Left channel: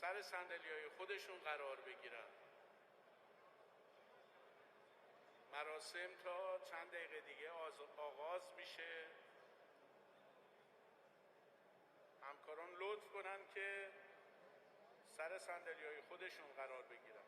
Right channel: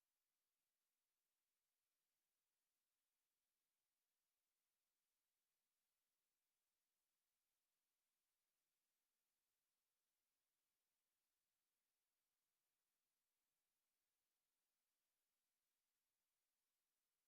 سر صندلی‌های خودشون قرار بگیرن. مراسم تا چند دقیقه دیگه آغاز میشه. همکاران لطف کنن که سر صندلی‌های خودشون قرار بگیرن.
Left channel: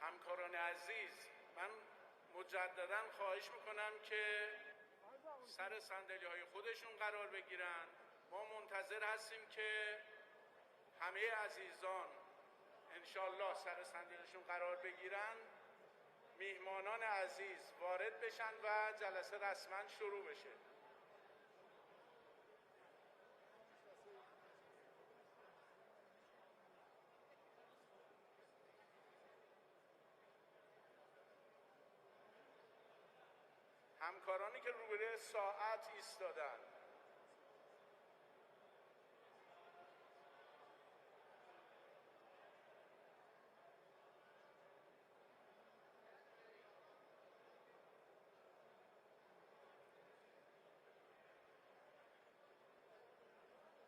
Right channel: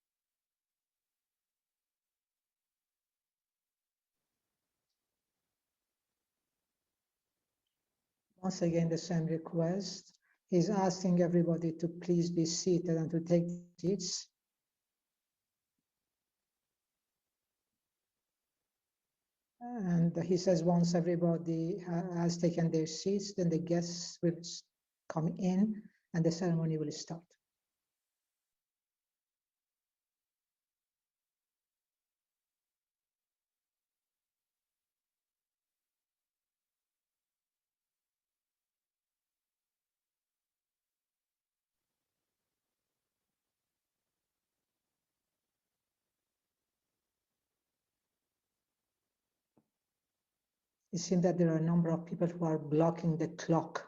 همکاران عزیز، من مجددا خواهش میکنم که سر صندلی‌های خودشون قرار بگیرن. Once again, the same request is asking everybody to please be seated and to take seats. قرار بگیرن. میهمانان عزیز وارد بشن و جلسه رسما And شروع he بشه. says once everybody has taken their seats, then the guests will come in and the ceremony will start. همکارانی که روبروی ساعت ایستادن، It seems that there are a number of people who are blocking the clock.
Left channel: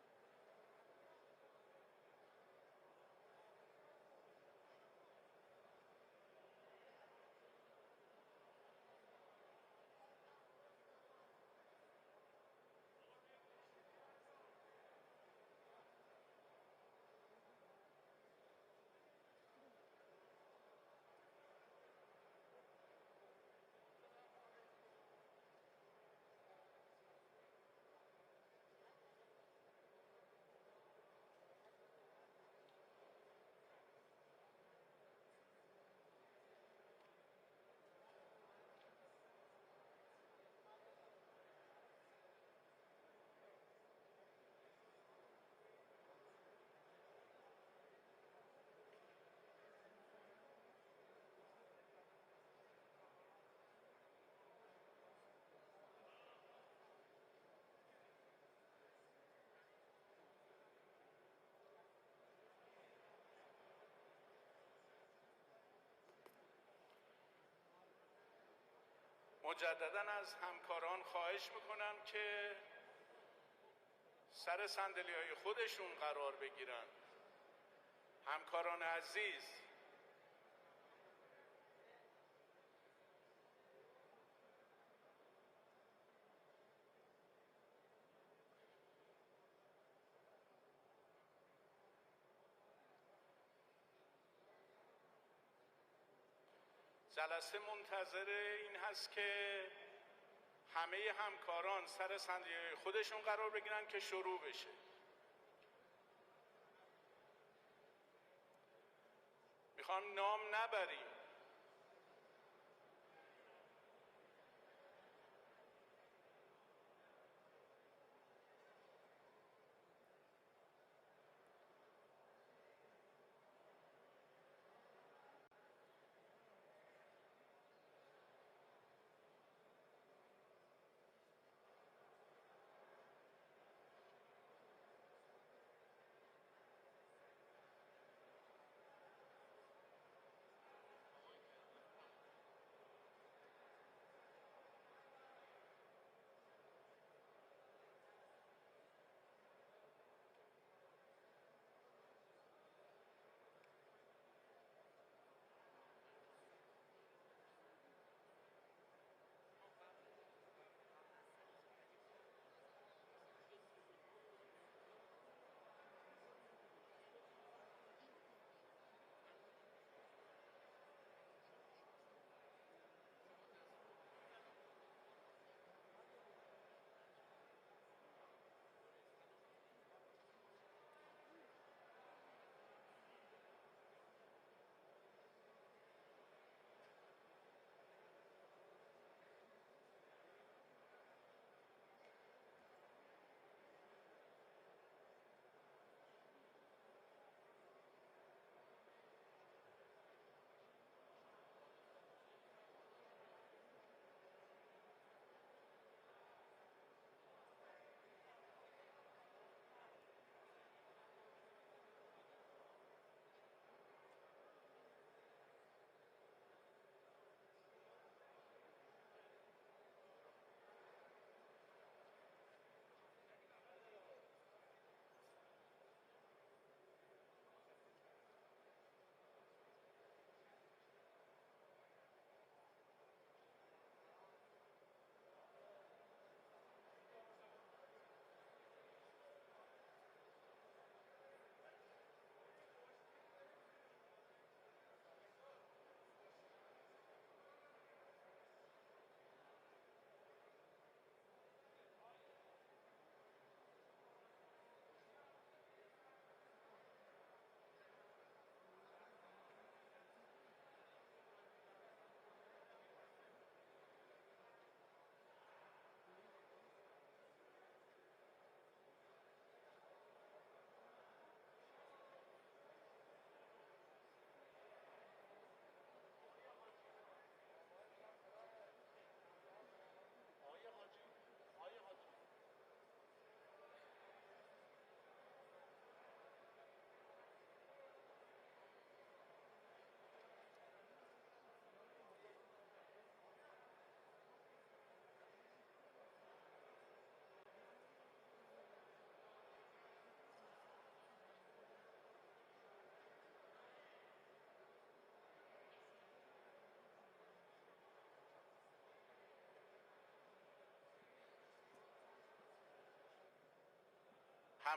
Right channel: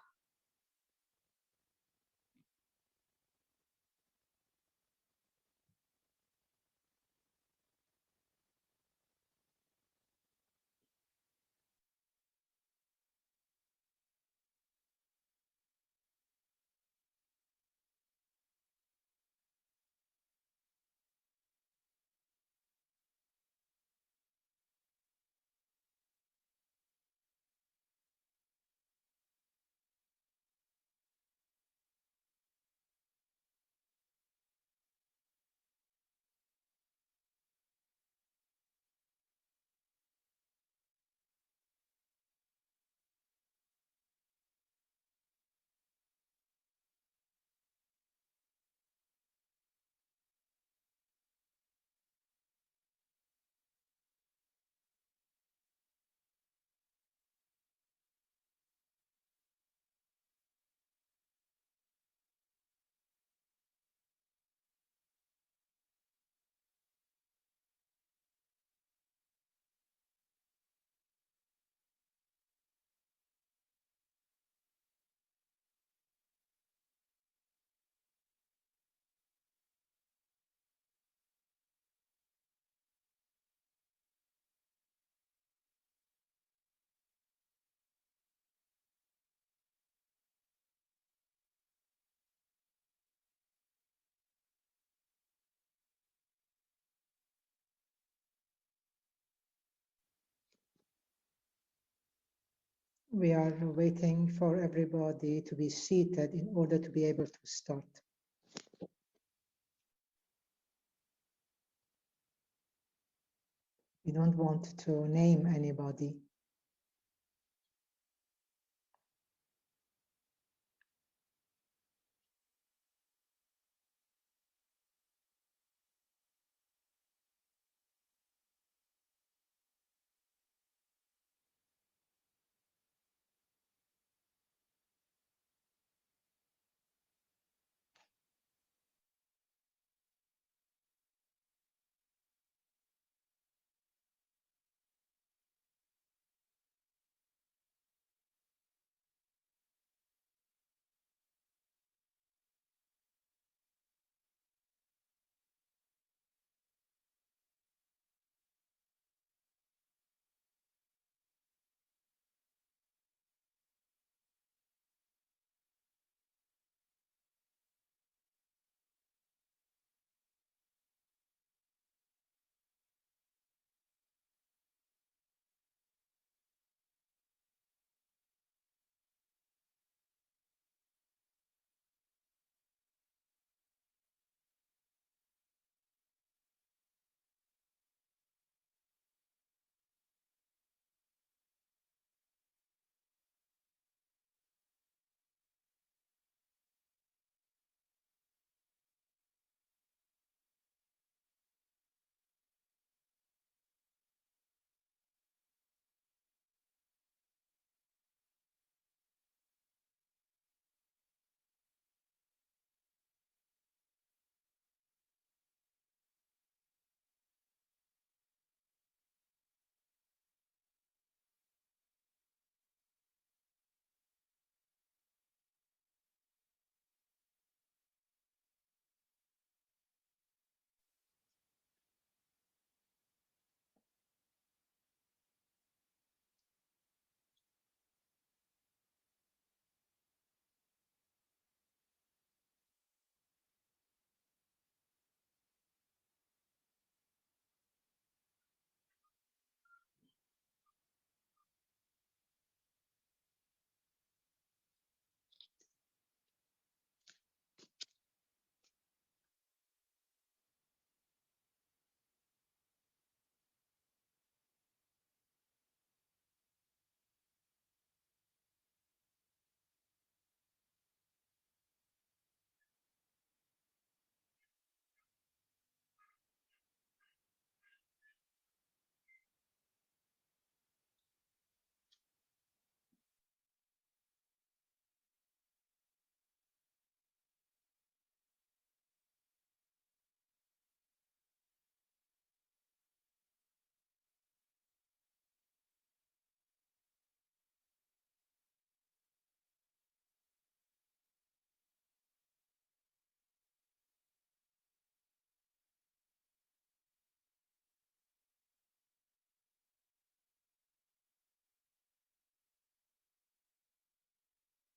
مجددا از همکاران خواهش میکنم که سر صندلی‌های خودشون قرار بگیرن. همکاران عزیز، جلسه منتظر این هست که همه همکاران سر صندلی‌های خودشون We قرار are بگیرن که waiting شروع for بشه. everybody to be seated in order to be able to start. میخوام نام نبریم. We don't want to name anybody.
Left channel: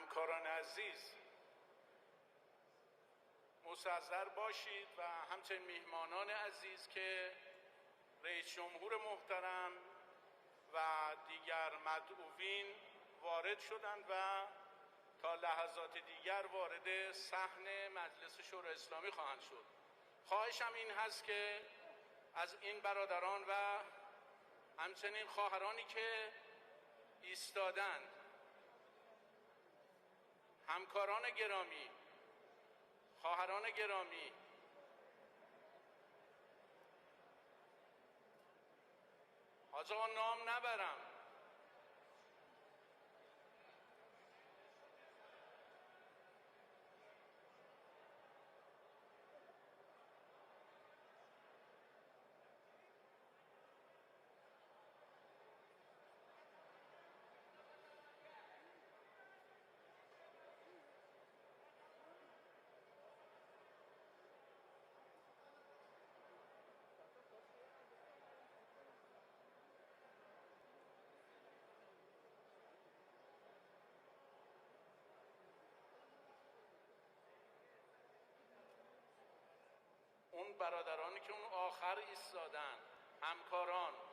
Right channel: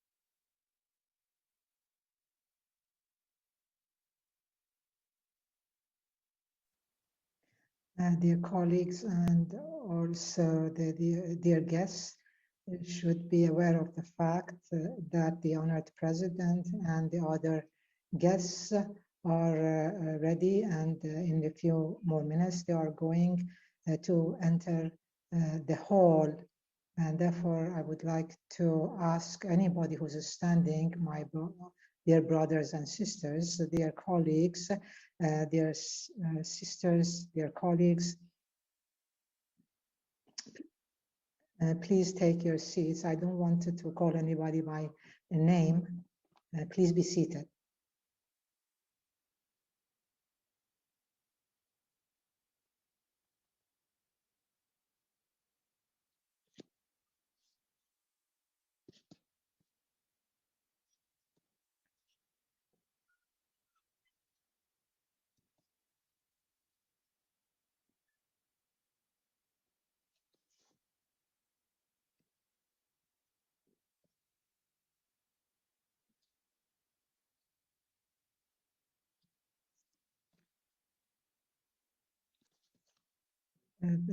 همکاران عزیز مستحضر باشید و همچنین میهمانان عزیز که Dear colleagues and also the dear guests, we should be aware of the fact that the honored president and the other guests are ready, and in a few more minutes they are going to enter the hall. And therefore, I would like to ask anybody who's standing, my dear brothers and sisters, dear colleagues, dear sisters, dear colleagues, please take your seats. I don't want to call anybody by name. Please be seated.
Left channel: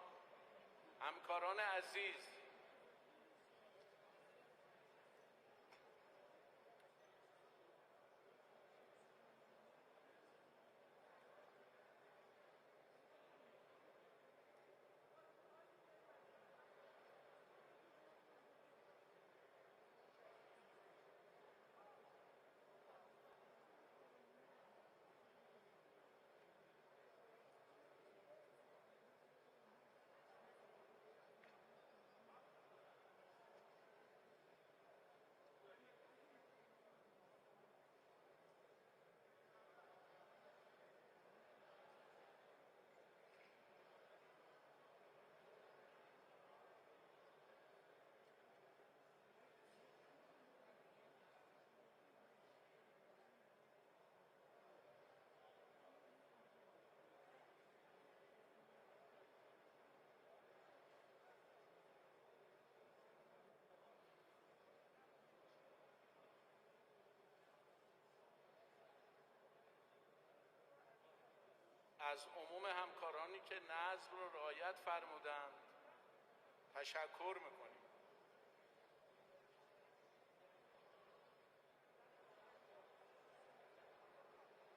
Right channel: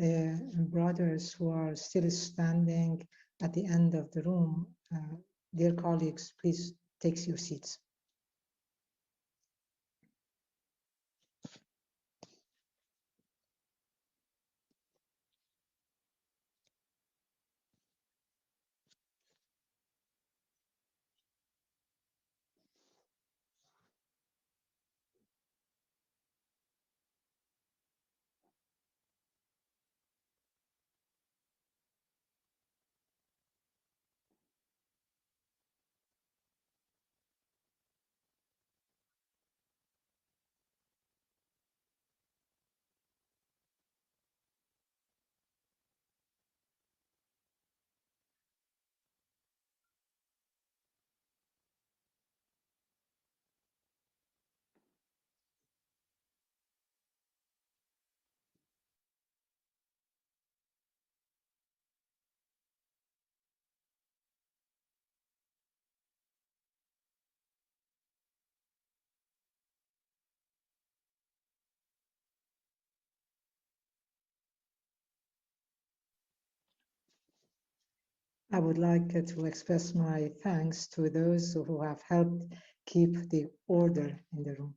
The brothers who are still standing at the end of the room, dear colleagues, please take your seats. از عموم همکارانی که نظم رو رعایت فرمودند تشکر می‌کنیم. I would like to express my thanks to those who have helped keep the order in the room.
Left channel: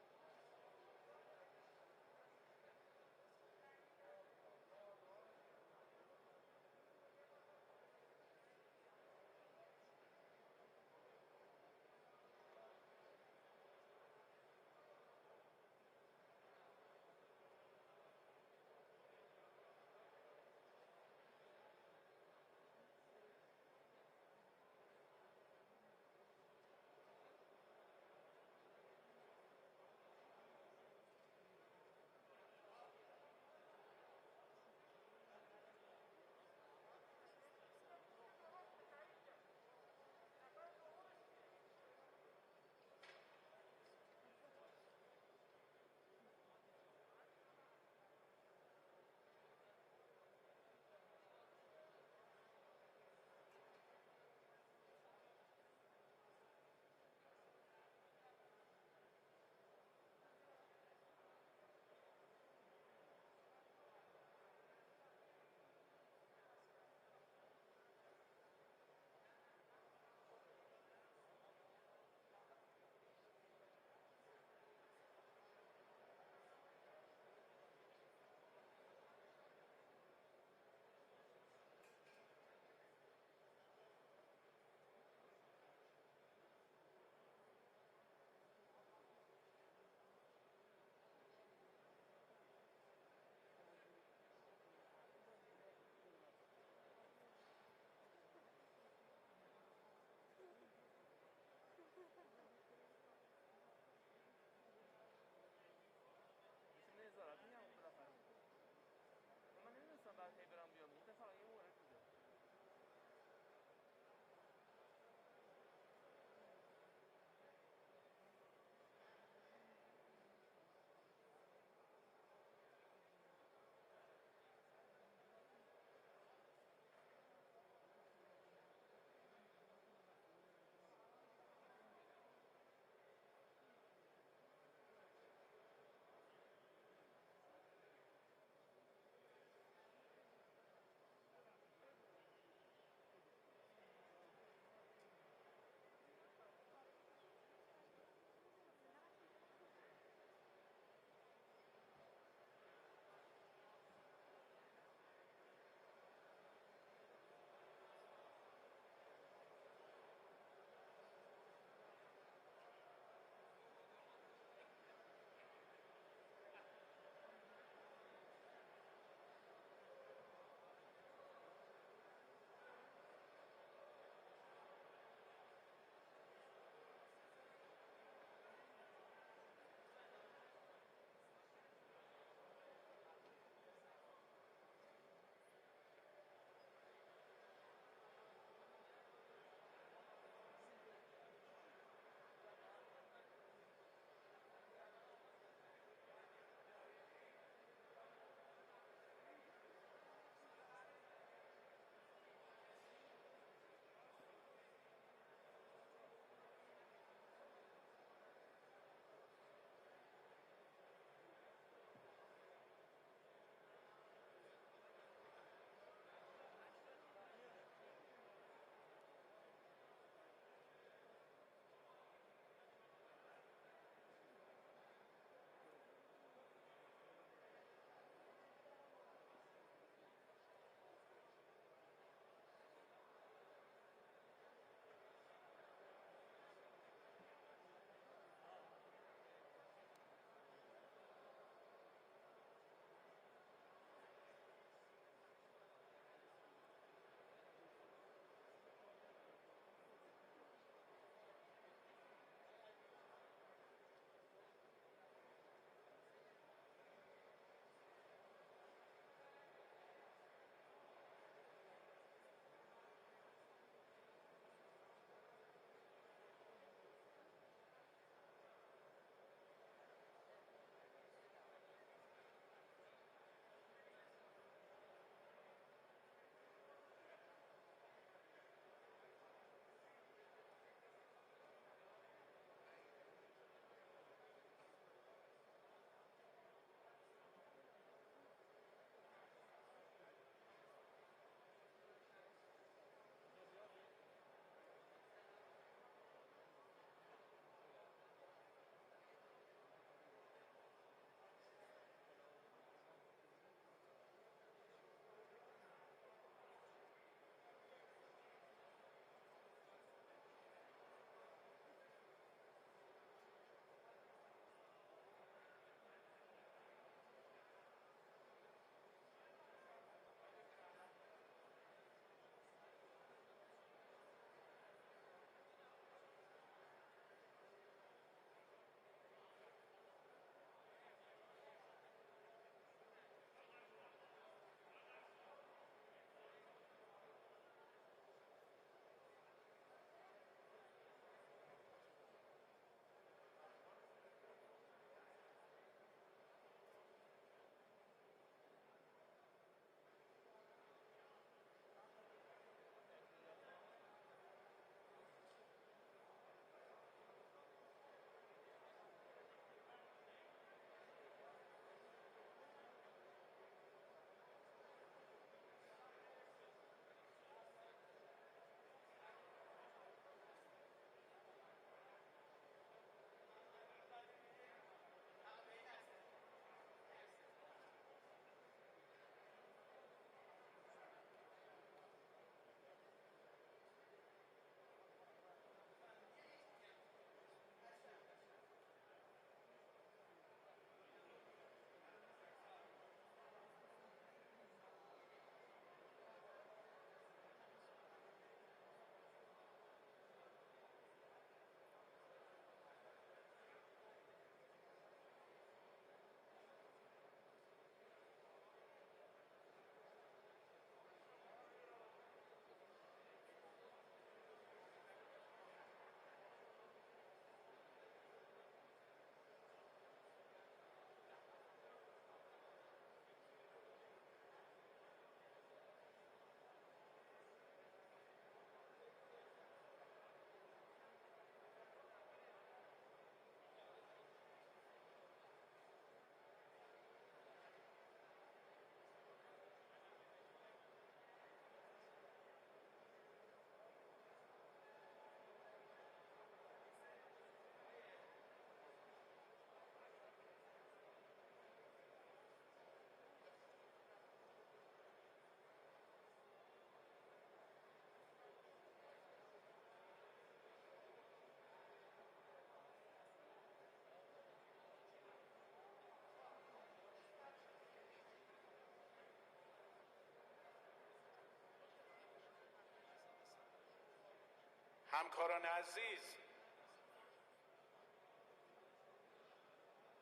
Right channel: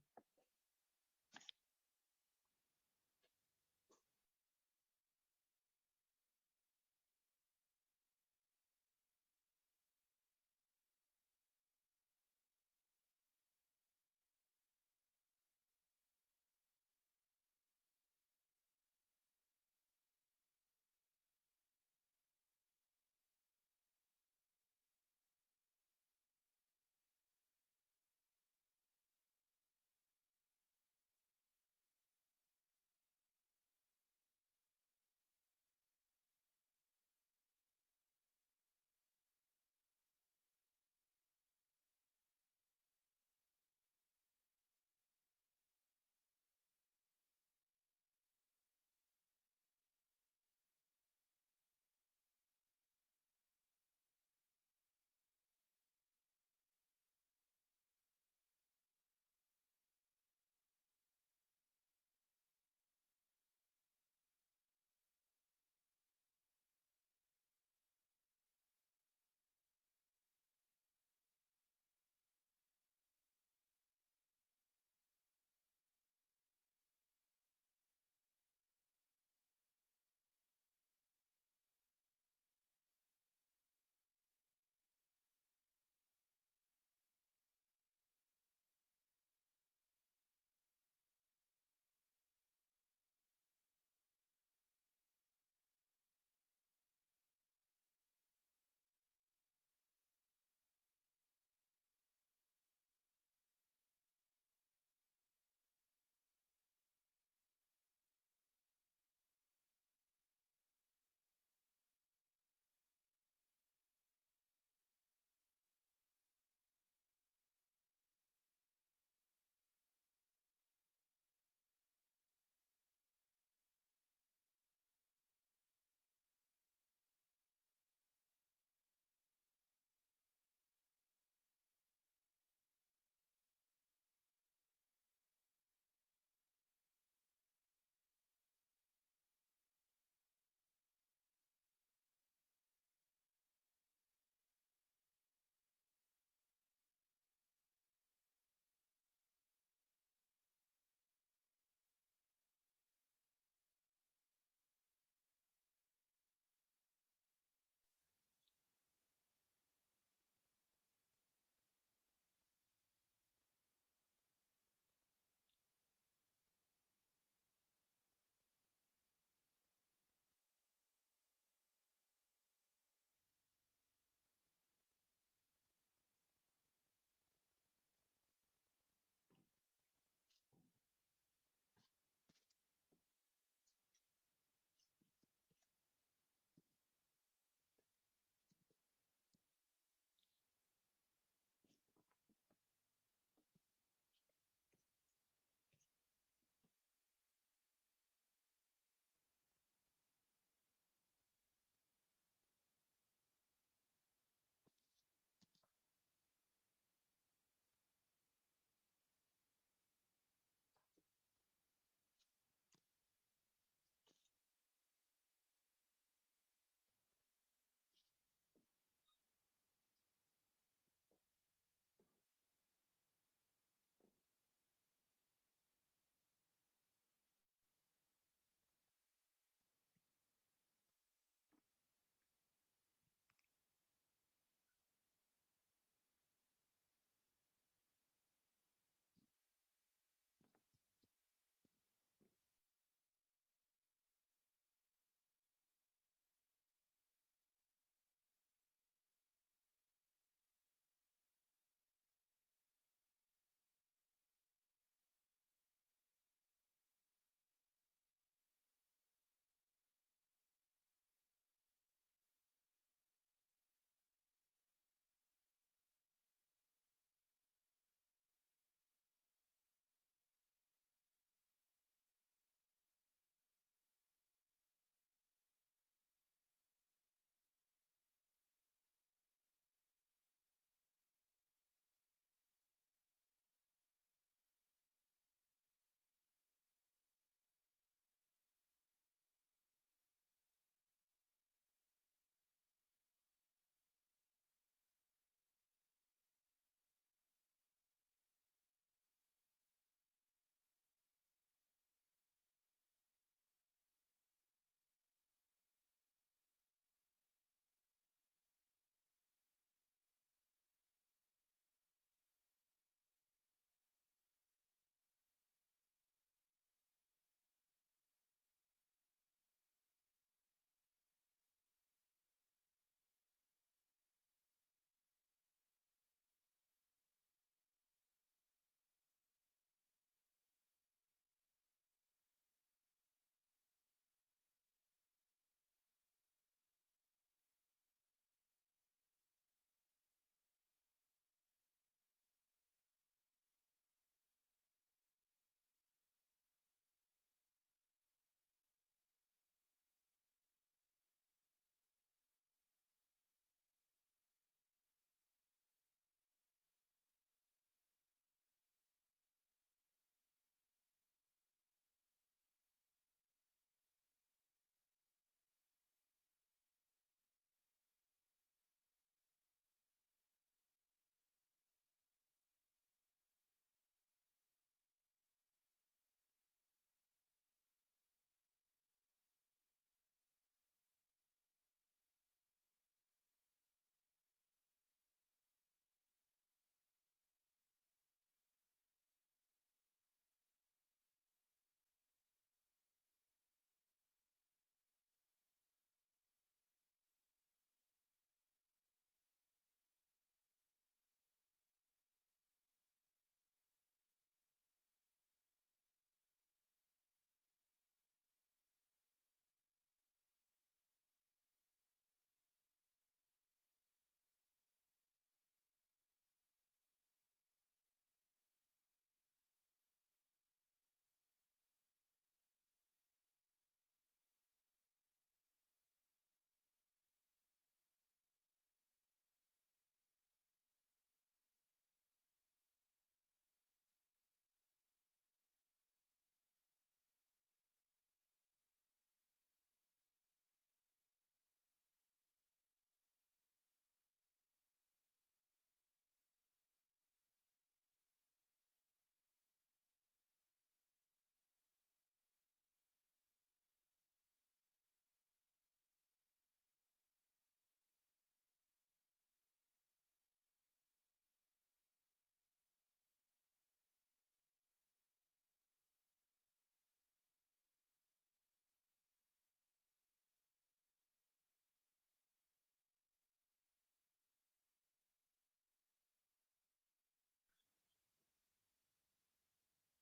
همکاران عزیز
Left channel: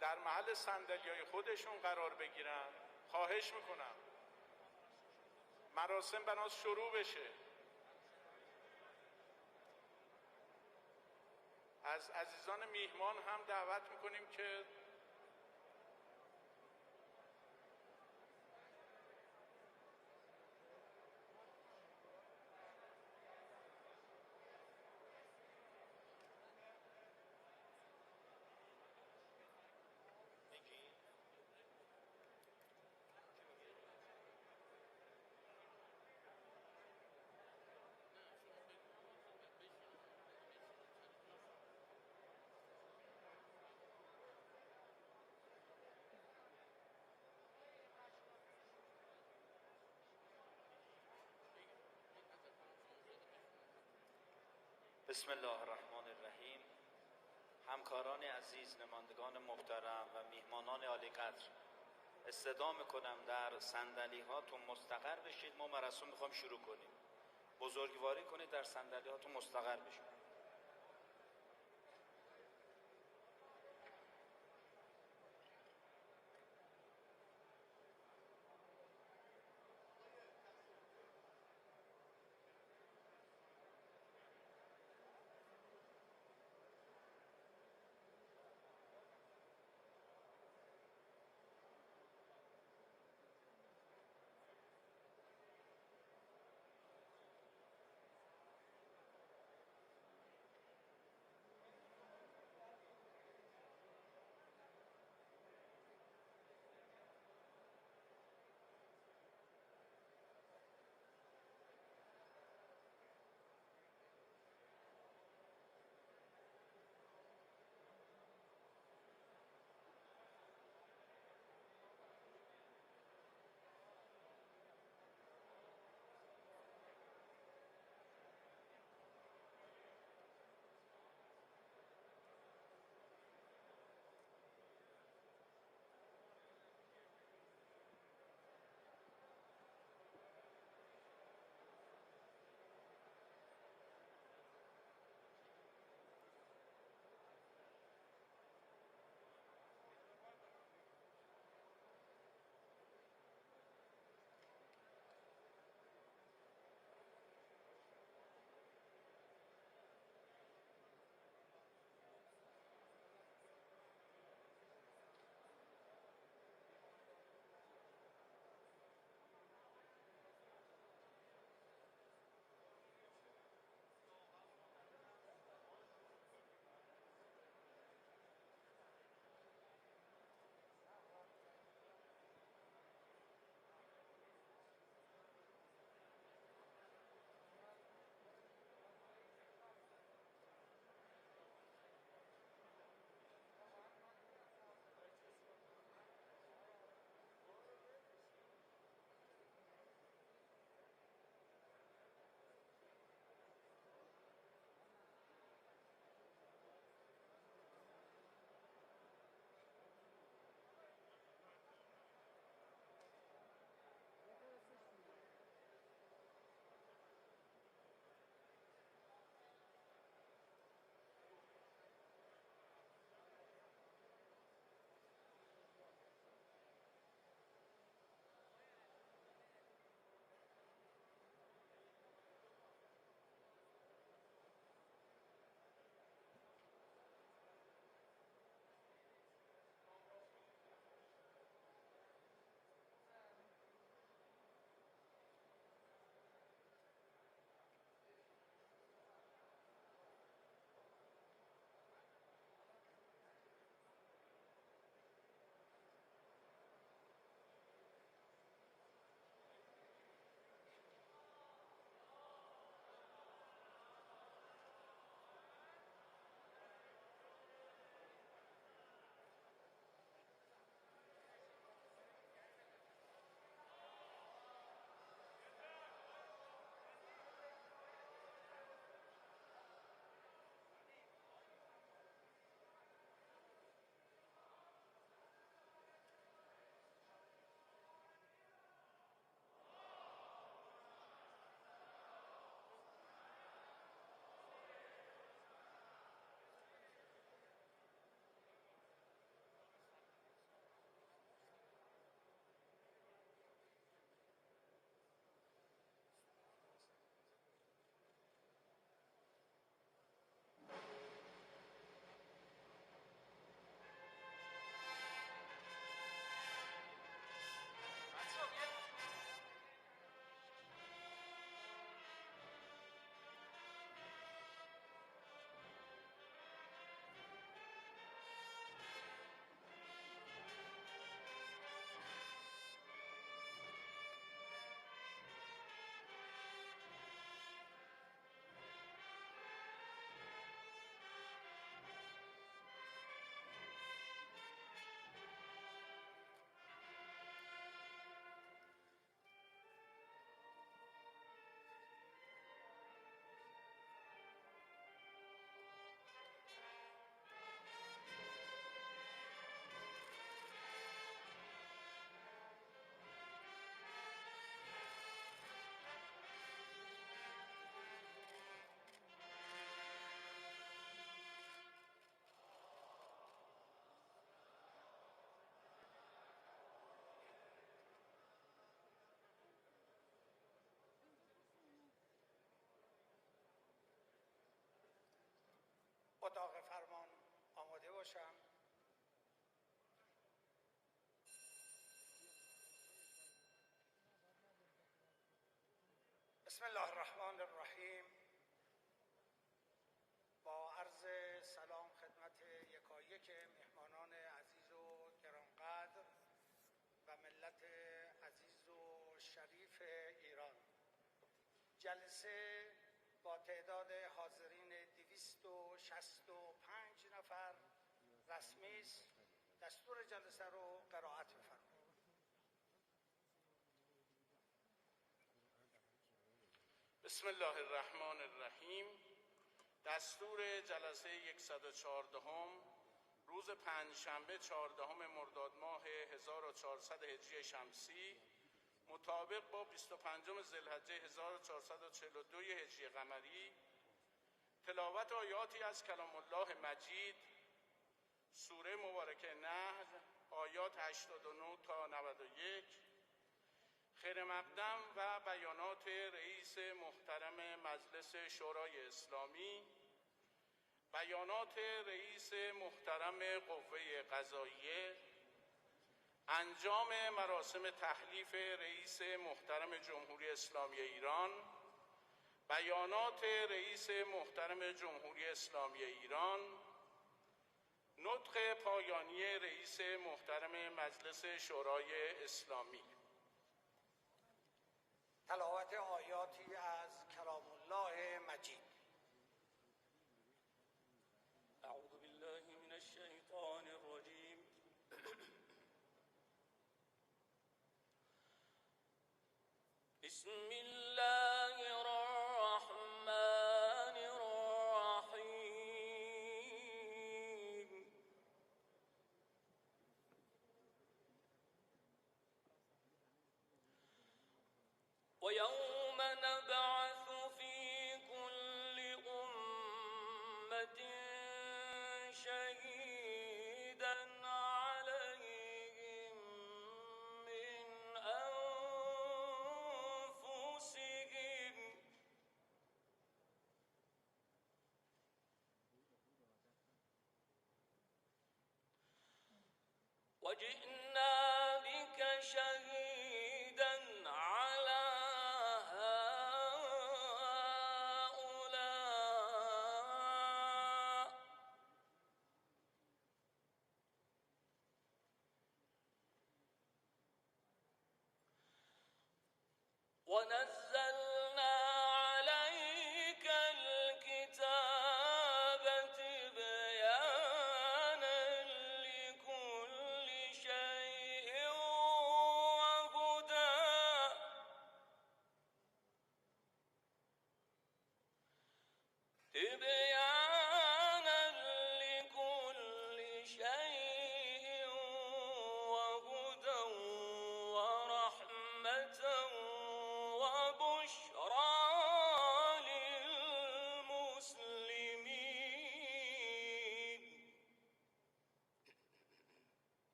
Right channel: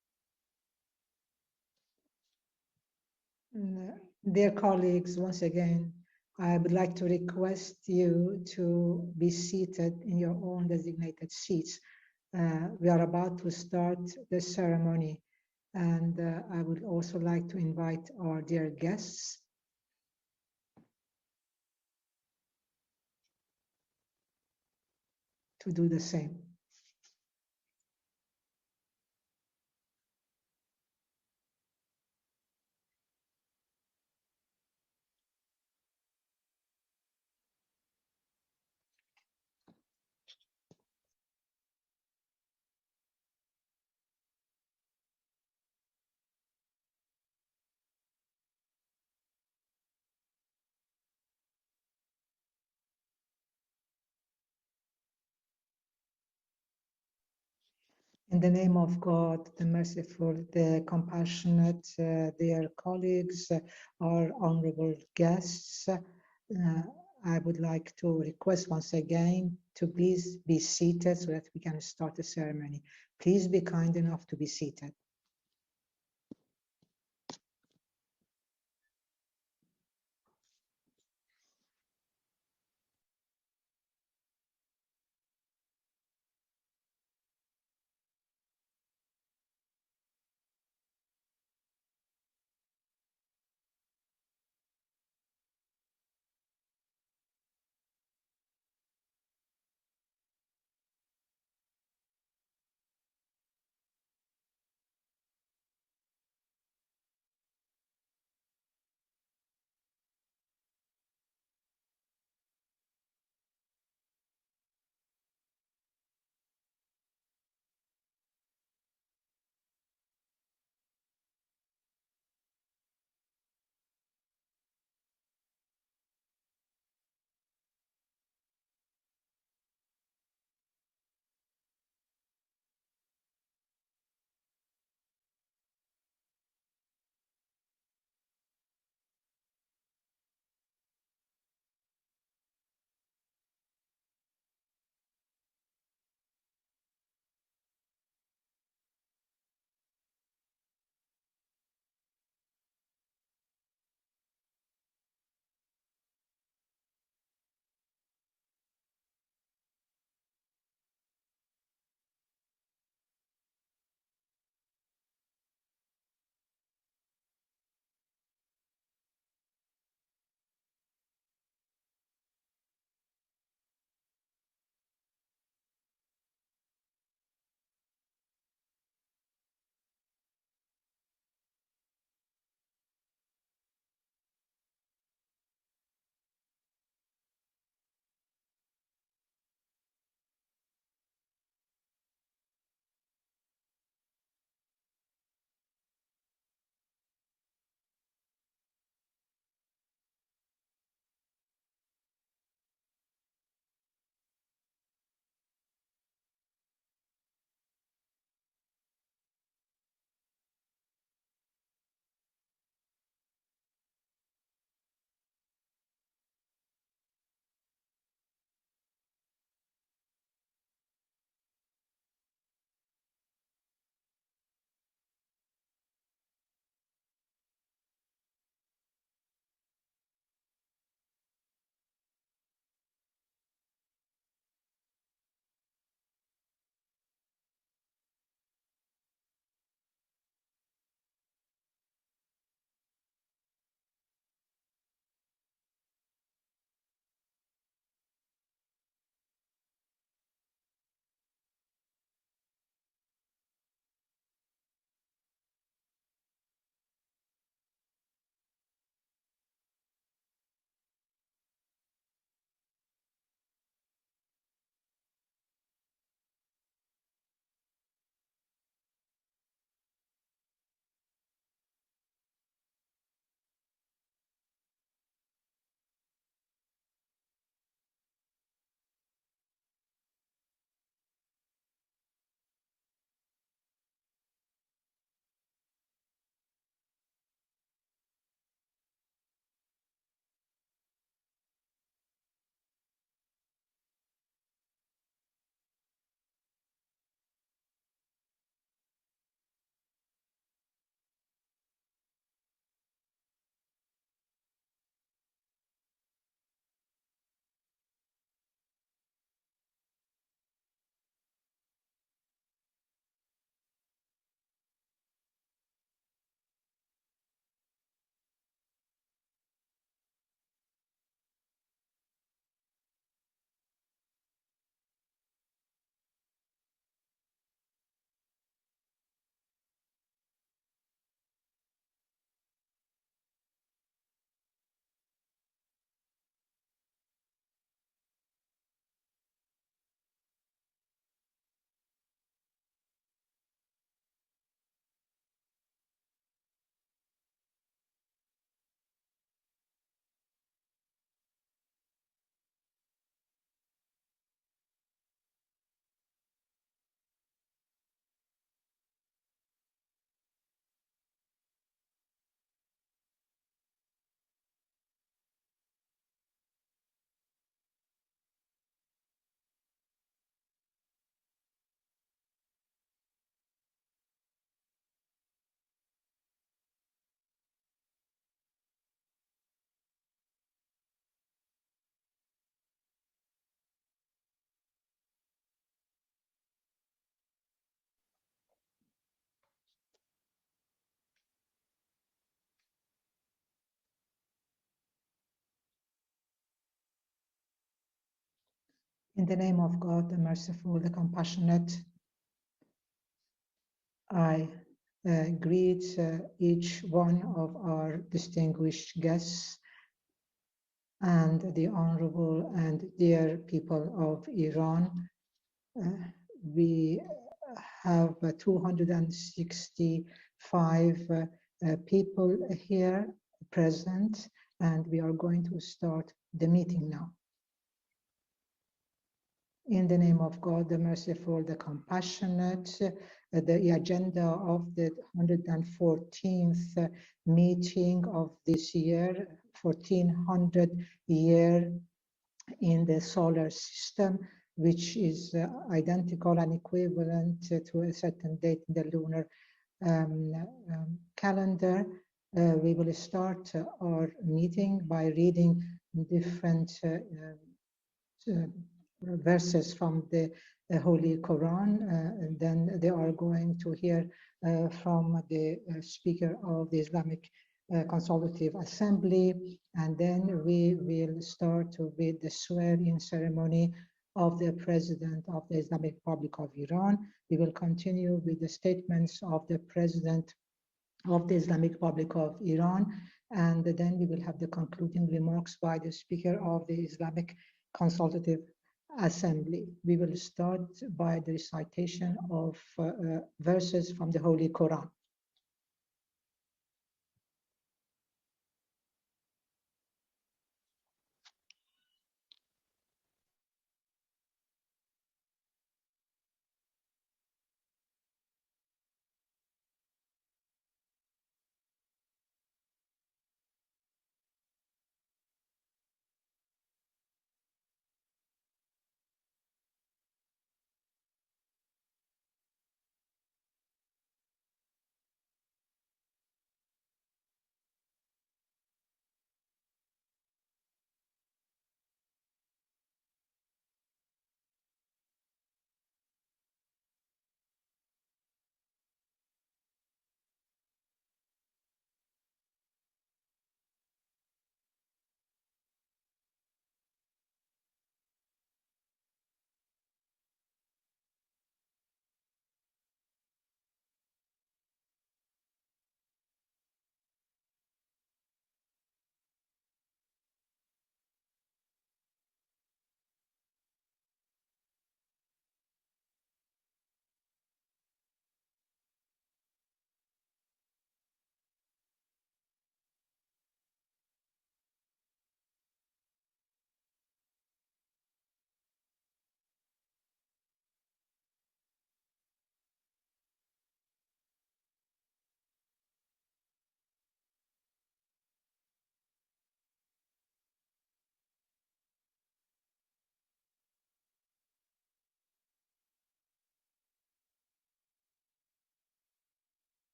در محل صندلی‌های خودشون قرار بگیرن. خواهش میکنم. Dear colleagues, once again, I would like to request you to be seated in your own designated seats. We are about to start the ceremony, and I would also like to invite our dear guests to do the same. In the name of God, the merciful, the compassionate, dear colleagues, our honorable guests, I would like to request once again to please be seated so that we can start the ceremony. Please be kind enough to be seated. In the name of God, the merciful, the compassionate, I greet each one of our distinguished guests and the honorable and dear people of Iran. We have 265 people here present, and we are going to start the meeting now. In the name of God, the merciful, the compassionate, the agenda of the 114th meeting of this year, 1400 year in the solar system, which is identical and equivalent to a certain date in the lunar calendar. We will start our meeting by reading different verses from the Holy Quran, and then they are going to hear from the speaker of the Islamic Consultative Assembly, and then we will start with the swearing ceremony of the President of the Islamic Republic of Iran. We will continue with the statements of the President of the Islamic Republic of Iran, and then we will have the concluding remarks by the Speaker of the Islamic Consultative Assembly. We will start by the recitation of verses from the Holy Quran.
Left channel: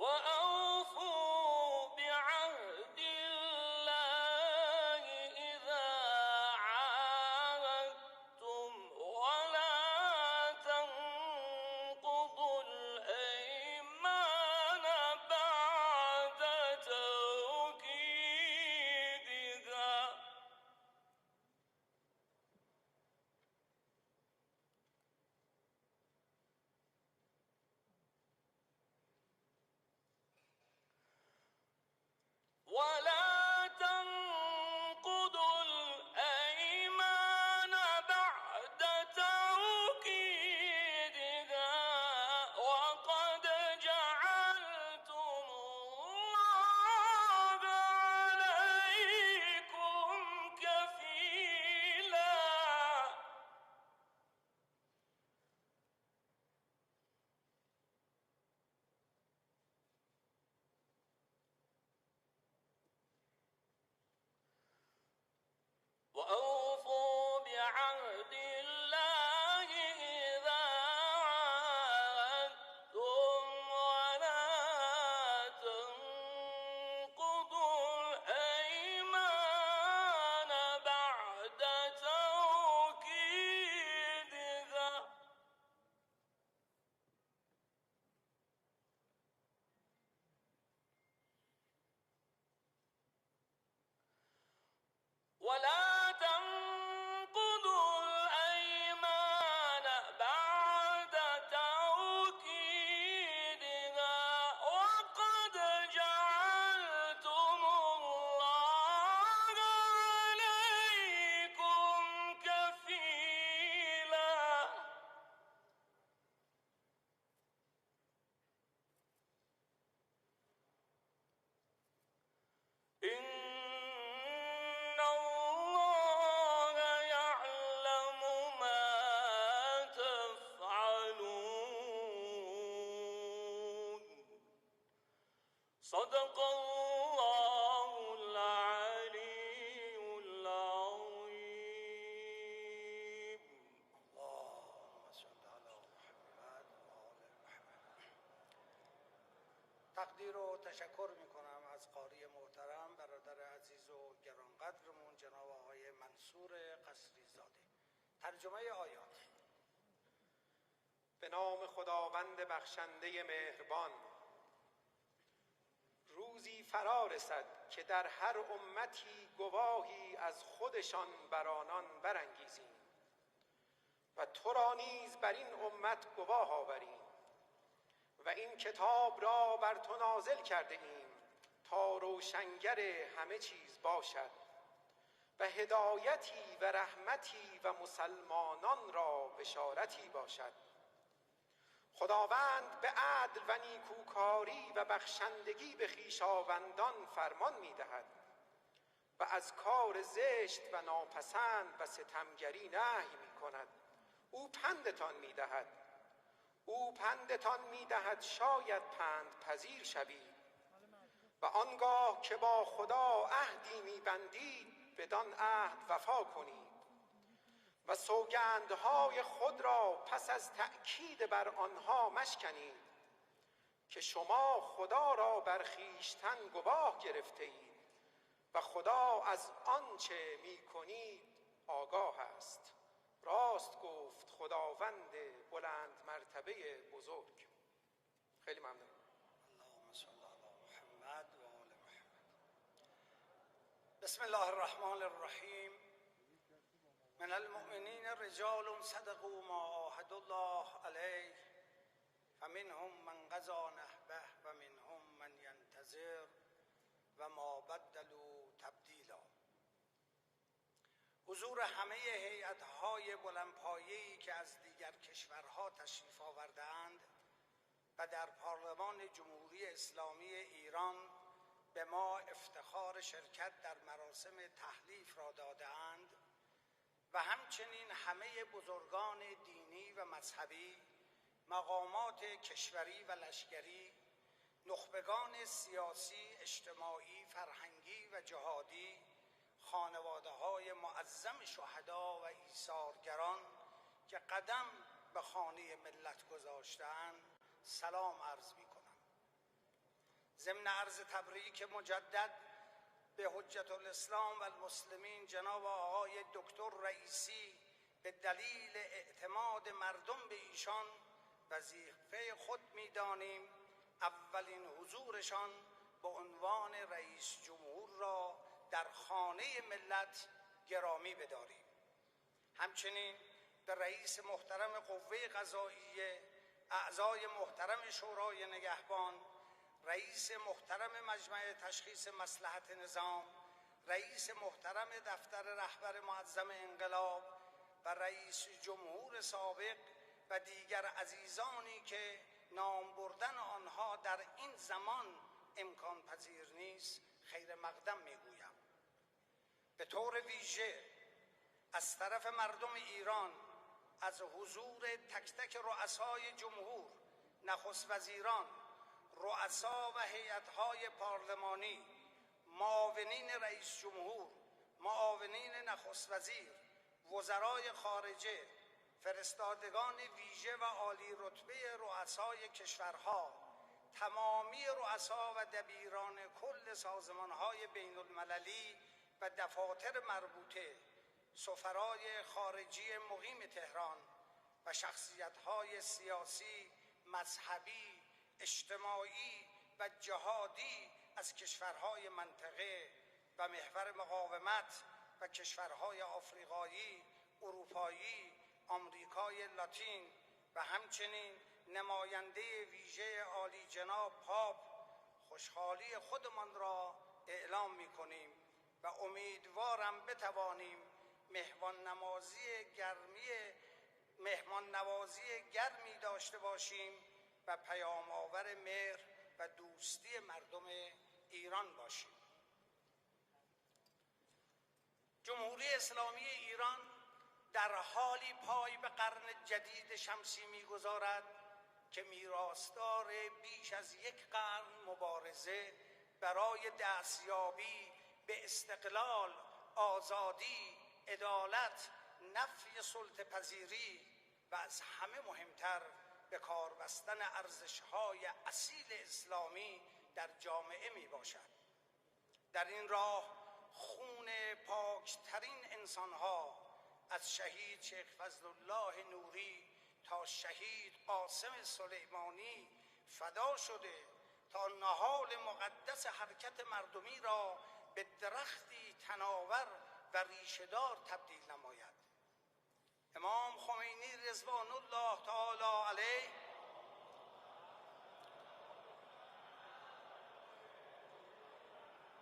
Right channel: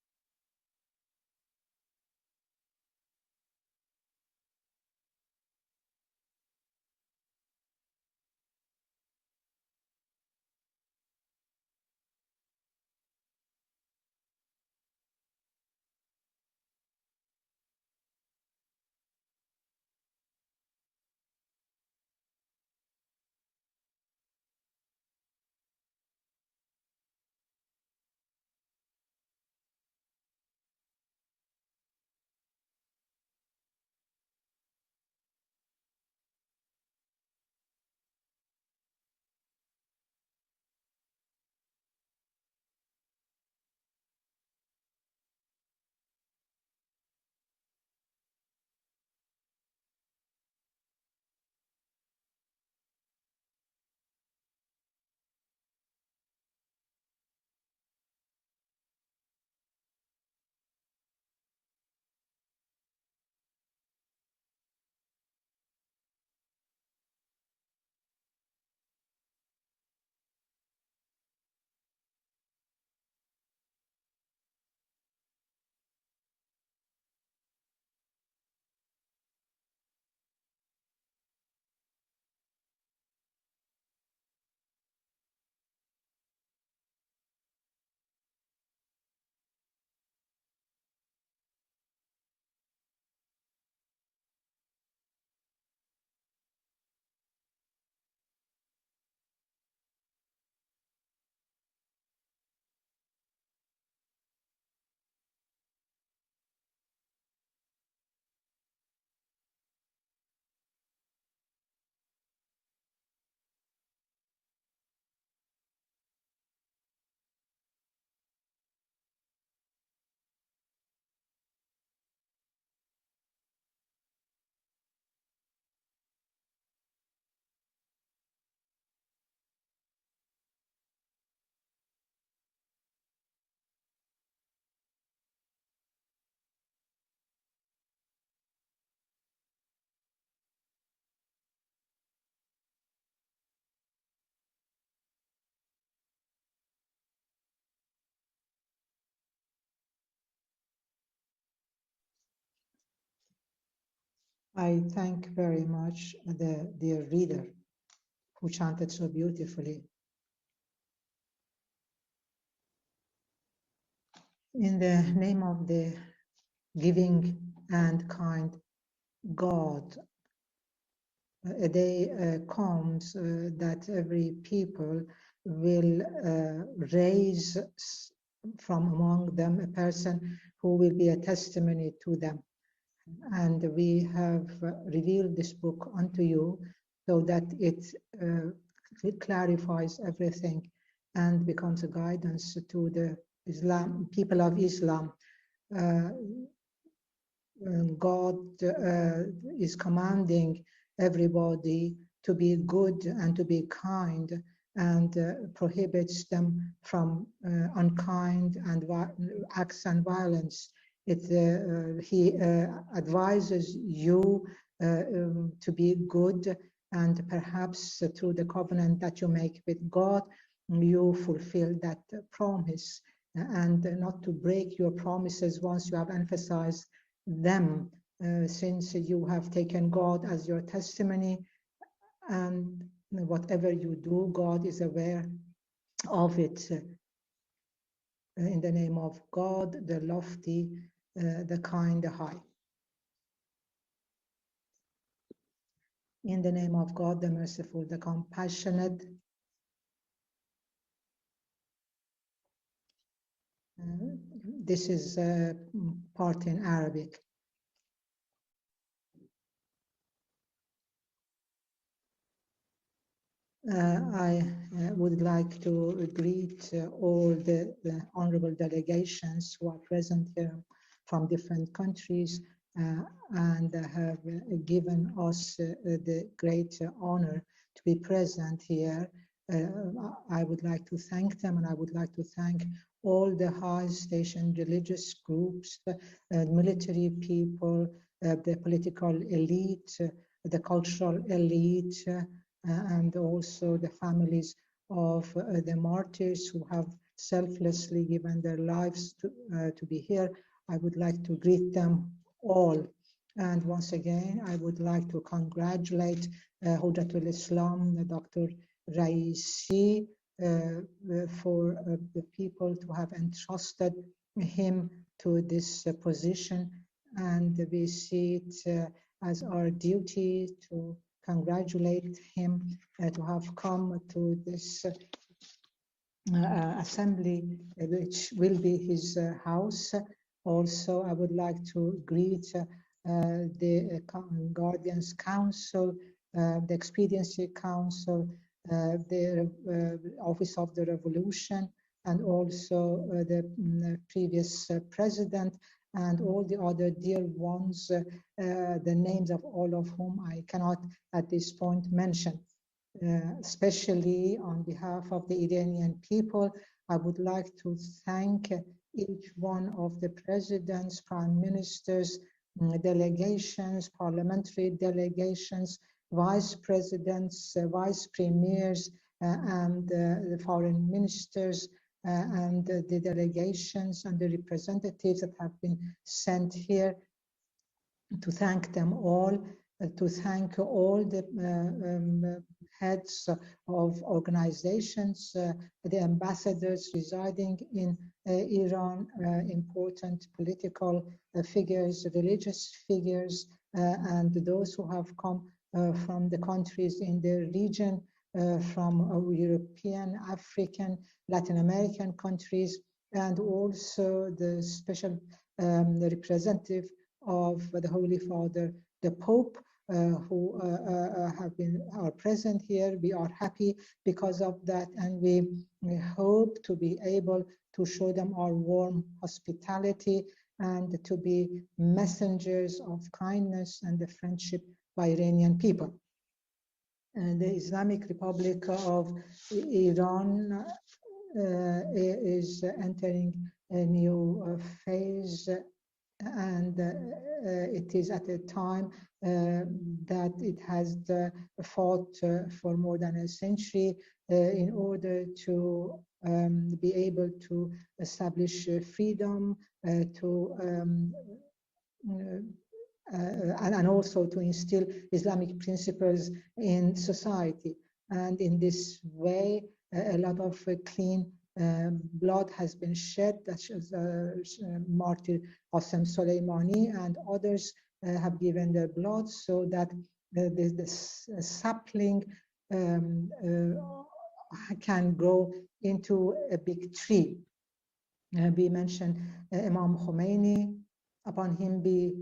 وأوحينا I thank very much the dear reader who chanted so beautifully. In the name of the giving and kind God, a day comes that every people will raise from among them a person who will be a testimony to them. And we have revealed this book unto you so that it clarifies everything and becomes a guidance to the people of Islam. God is commanding everybody to be good and to be kind, and prohibits them from unkind and acts and violence. He advises you to be good, and perhaps through the covenant that you make with God, you fulfill that promise, and not to break your promises once you have emphasized them, since you have taken God as your testimony, and whatever you do, God is aware of it. In the name of God, the lofty, the kind, the high. In the name of God, the merciful, the compassionate. This is part in Arabic. I would like to greet all the honorable delegations who are present here from different countries and have given us the great honor to be present here. I would like to thank them, and I would like to thank all the high-station religious groups, military people, the political elite, the cultural elite, and also the families of the martyrs who have selflessly given their lives to be here. I would like to greet them all. And once again, I would like to congratulate Hujjatul Islam, Dr. Ra'isi, for the people to have entrusted him to this position. And we see it as our duty to congratulate him to have come to this assembly, which will be his house. Also, I would like to greet the Common Guardians Council, the Expediency Council, the Office of the Revolution, and also the previous president, and all the other dear ones, the names of all of whom I cannot at this point mention. Especially on behalf of the Iranian people, I would like to thank each one of the presidents, prime ministers, delegations, parliamentary delegations, vice presidents, vice premiers, and the foreign ministers, and the delegations and the representatives that have been sent here, to thank them all, to thank all the heads of organizations, the ambassadors residing in Iran, important political figures, religious figures, and those who have come from the countries in the region, from European, African, Latin American countries, and also the special representative of the Holy Father, the Pope, who are present here. We are happy because of that, and we hope to be able to show them our warm hospitality and to be messengers of kindness and the friendship by Iranian people. And the Islamic Republic of Iran is entering a new phase, and it is at a time that it has fought for more than a century in order to be able to establish freedom, to and also to instill Islamic principles in society. And in this way, a lot of clean blood has been shed. Martyr Qasem Soleimani and others have given their blood so that the sapling can grow into a big tree. We mentioned Imam Khomeini, upon him be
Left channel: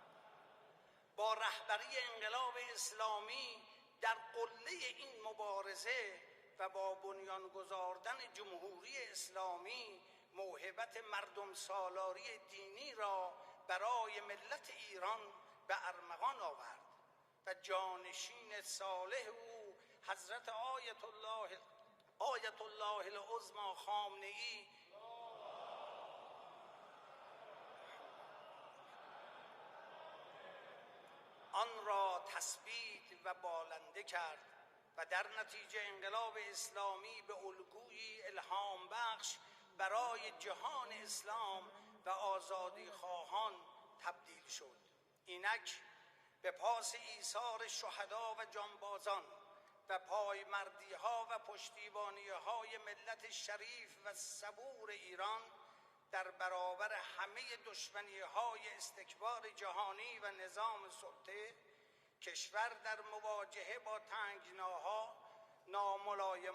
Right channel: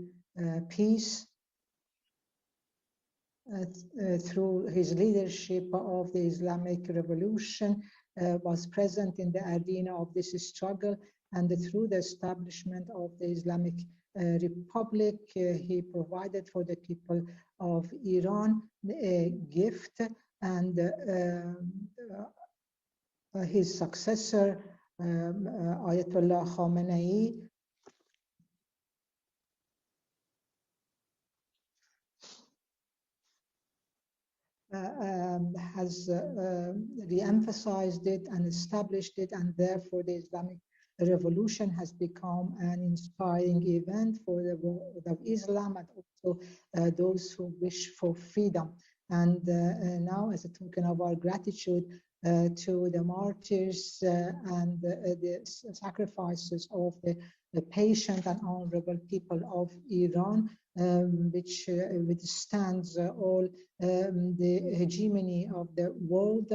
peace. Through his leadership of the Islamic Revolution, was present in the arena of this struggle, and through the establishment of the Islamic Republic, he provided for the people of Iran a gift, and his successor, Ayatollah Khamenei, has re-emphasized it and established it, and therefore the Islamic Revolution has become an inspiring event for the world of Islam and also those who wish for freedom. And now, as a token of our gratitude to the martyrs and the sacrifices of the patient and honorable people of Iran, which withstands all the hegemony of the world.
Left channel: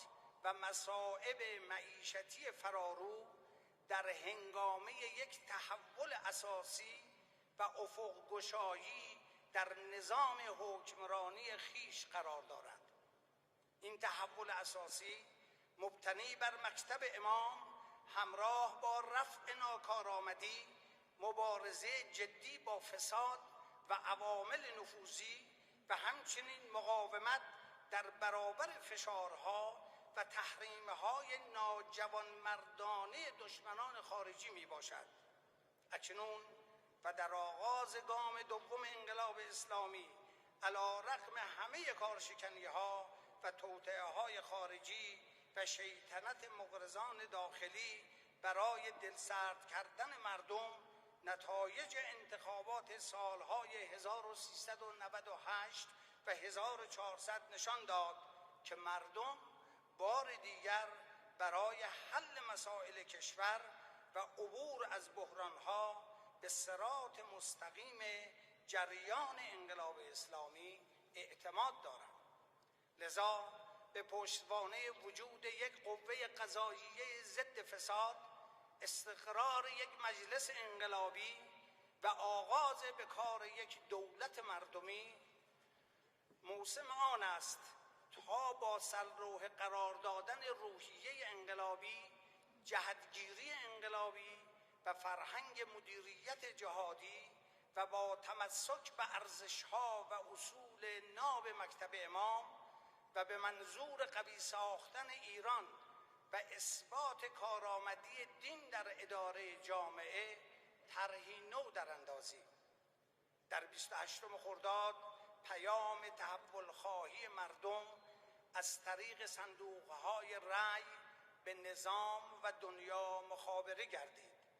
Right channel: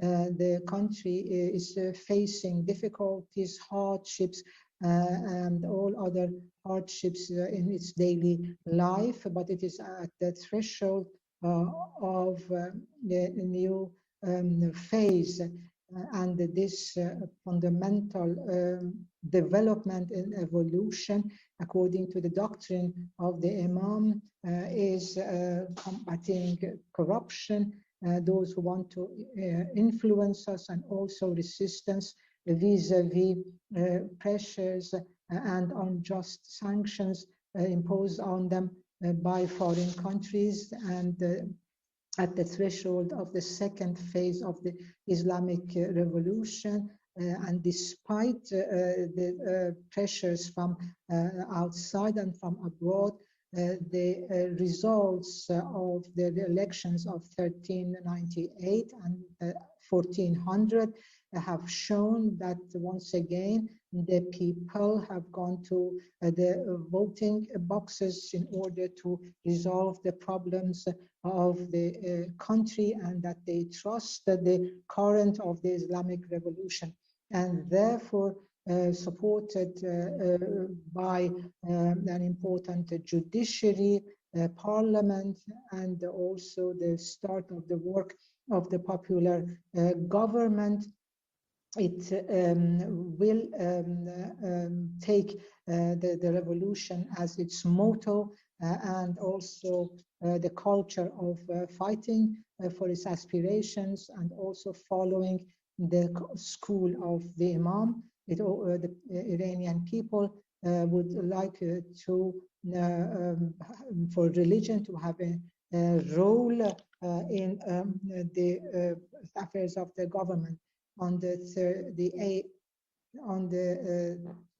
The country is facing difficulties, hardships, and all other hardships in its daily life, but it is at the threshold of the new phase. And this fundamental development and evolution, according to the doctrine of the Imam, is combating corruption, those who want to influence us, and also resistance vis-a-vis pressures and unjust sanctions imposed on them by foreign countries. And at the threshold of the second phase of the Islamic Revolution, and despite the pressures from outside and from abroad, the results of the elections of 1398 and 1400 have shown that once again the people have gone to the voting boxes in order to resolve the problems of the country, and that they trust the current of the Islamic Revolution, and therefore supported by an important judiciary, parliament, and also the start of the work of the popular government. It will take the revolution as its motto, and also the culture of fighting for its aspirations, and also following the school of the Imam. The Iranian people would like to for religion to have a role in the affairs of the government. On the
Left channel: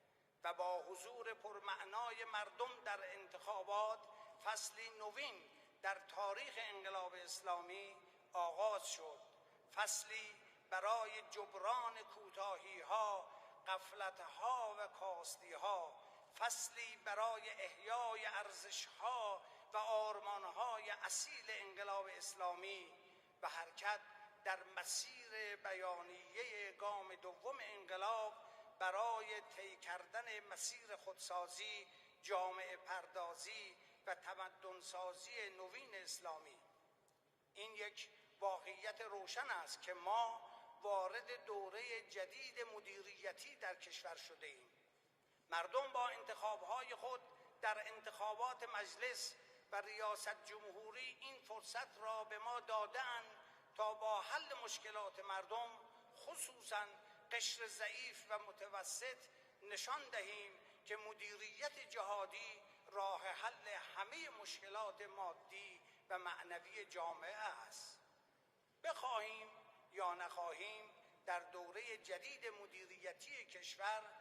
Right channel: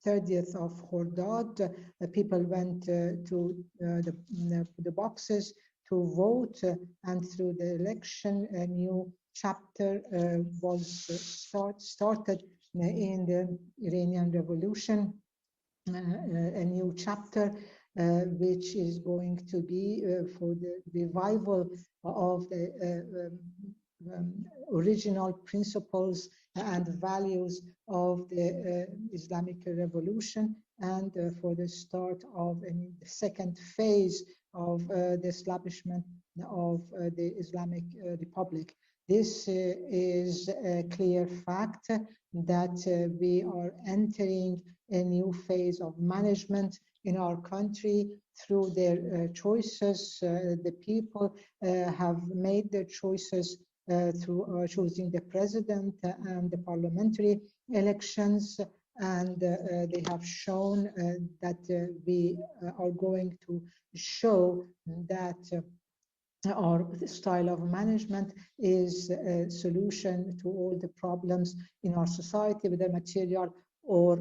30th of Khordad, people went to the boxes to vote, and through the election, a new chapter was started in the Iranian Revolution, a new chapter which is going to be for the revival of the original principles and values of the Islamic Revolution, and for the start of a second phase of the establishment of the Islamic Republic. This is a clear fact that we are entering a new phase of management in our country through their choices. The people have made their choices through choosing the president and the parliamentary elections, and they have shown that we are going to show that our style of management is a solution to all the problems in our society, whether material or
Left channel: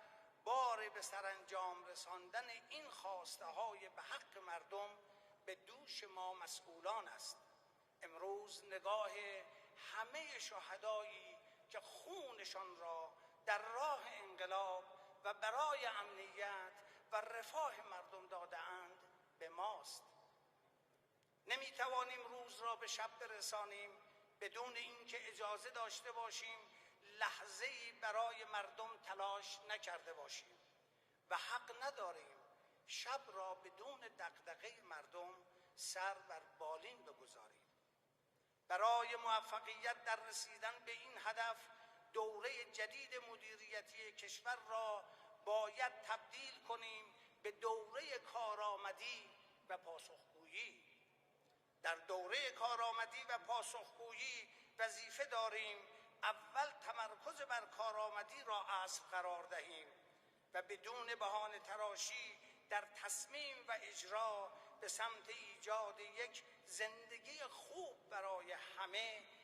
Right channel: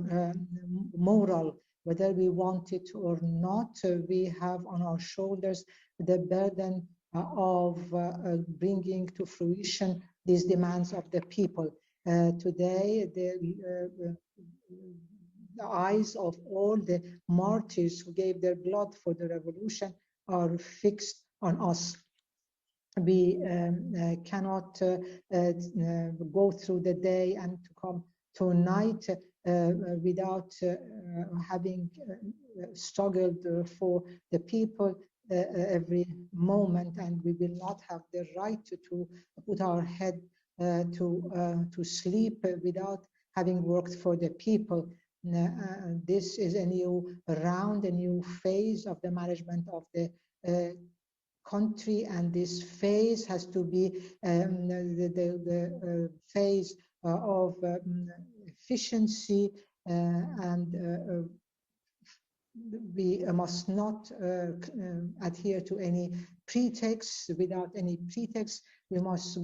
moral. Whether we want it or not, we have on our shoulders the burden of bringing to fruition these demands of the people. Today, the eyes of all the martyrs who gave their blood for the revolution are fixed on us. We cannot go through the day and come to night without having struggled for the people every moment, and we will not have the right to put our head to sleep without having worked for the people. This is a new round, a new phase of the management of the country, and this phase has to be the phase of efficiency, and we must not adhere to any pretext. Without any pretext, we must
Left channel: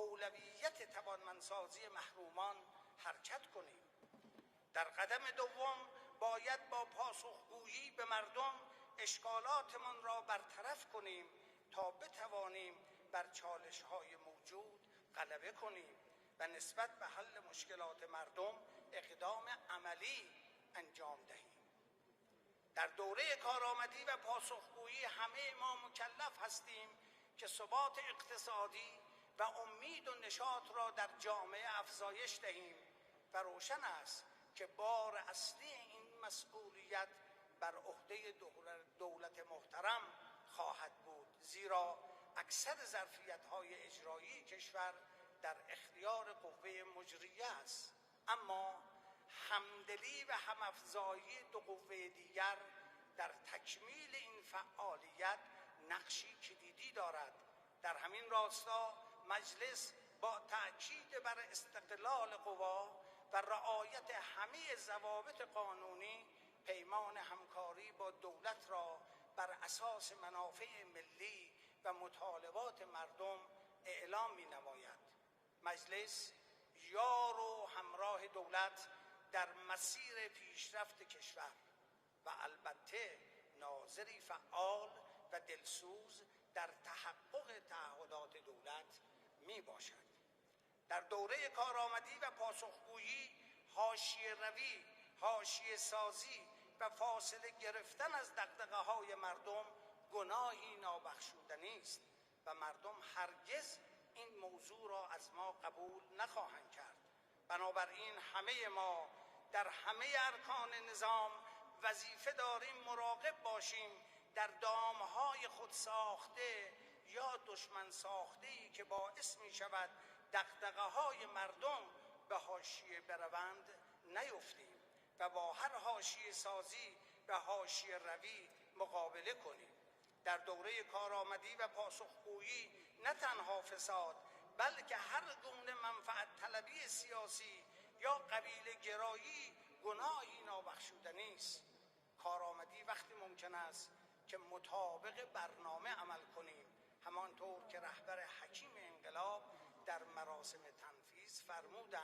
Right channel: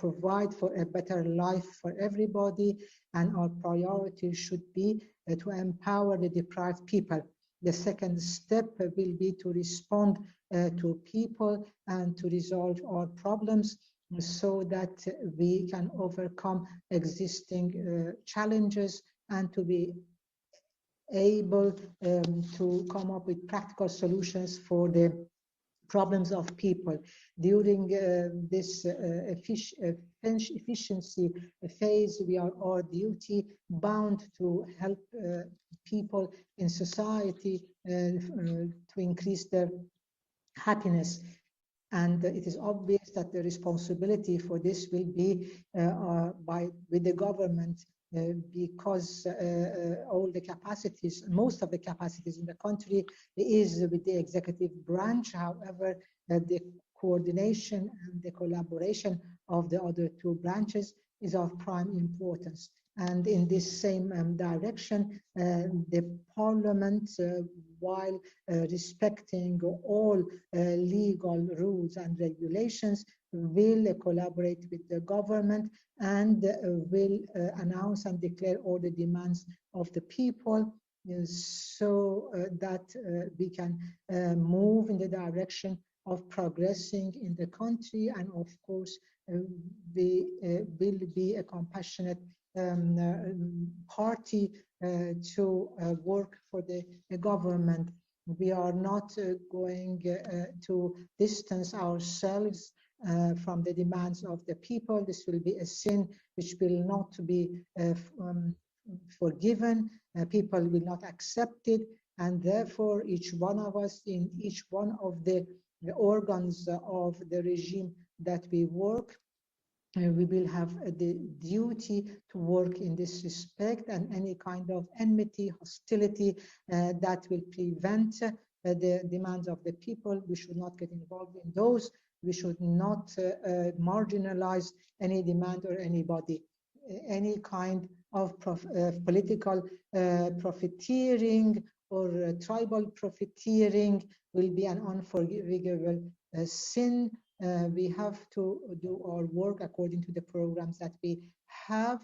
provide for a better life for everybody, and our priority should be to empower the deprived people. The second step will be to respond to people and to resolve our problems so that we can overcome existing challenges and to be able to come up with practical solutions for the problems of people. During this efficiency phase, we are our duty bound to help people in society to increase their happiness. And it is obvious that the responsibility for this will be with the government, because all the capacities, most of the capacities in the country is with the executive branch. However, the coordination and the collaboration of the other two branches is of prime importance. And in this same direction, the parliament, while respecting all legal rules and regulations, will collaborate with the government and will announce and declare all the demands of the people, so that we can move in the direction of progressing in the country. And of course, we will be a compassionate party to work for the government. We are not going to distance ourselves from the demands of the people. This will be a sin which will not be forgiven. People will not accept it, and therefore each one of us in each one of the organs of the regime that we work, we will have the duty to work in this respect, and any kind of enmity, hostility that will prevent the demands of the people, we should not get involved in those. We should not marginalize any demand or anybody. any kind of political profiteering or tribal profiteering will be an unforgivable sin. We have to do our work according to the programs that we have.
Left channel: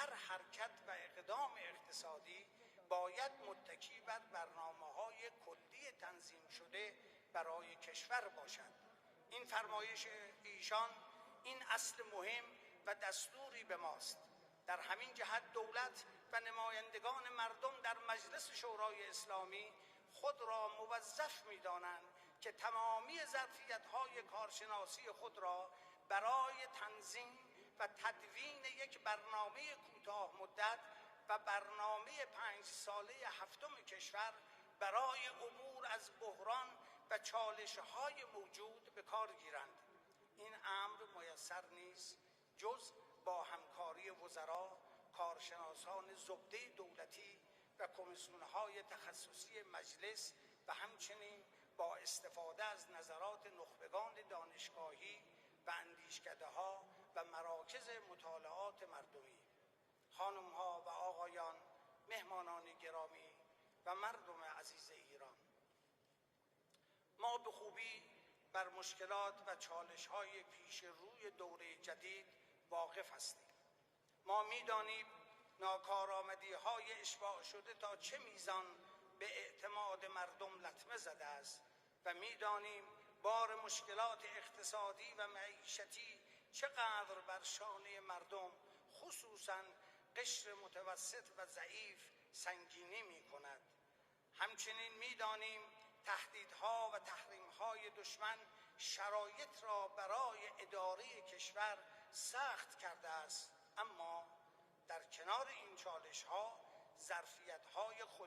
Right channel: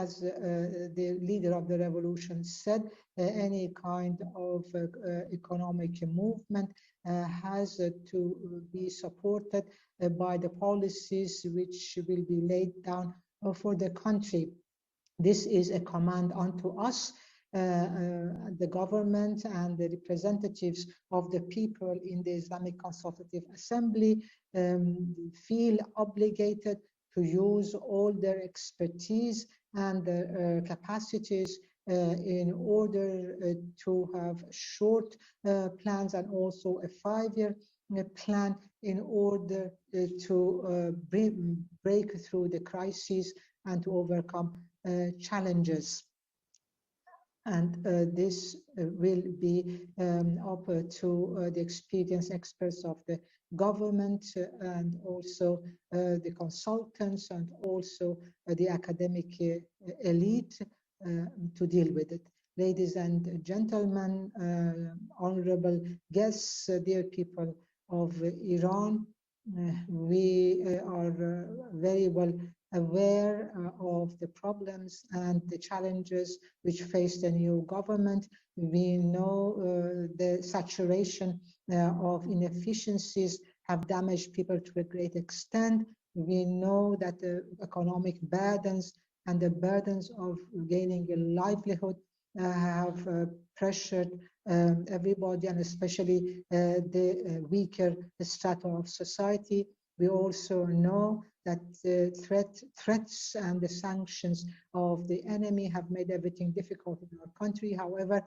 As the leader of the revolution said, any kind of economic movement has to be supported by the policies which will be laid down for the country. This is a command unto us, the government and the representatives of the people in the Islamic Consultative Assembly feel obligated to use all their expertise and capacities in order to have short plans and also a 5-year plan in order to break through the crises and to overcome challenges. And this will be up to the experienced experts of the government and also the consultants and also the academic elite to deal with it. Ladies and gentlemen, honorable guests, dear people of Iran, we are very well aware of the problems and the challenges which face the new government. We know the saturation of inefficiencies have damaged people to a great extent. We know that the economic burdens and the burdens of gaining a livelihood have pressured everybody, and especially the weaker strata of society. We also know that the threats and the sanctions of the enemy have made everything difficult in our country. However,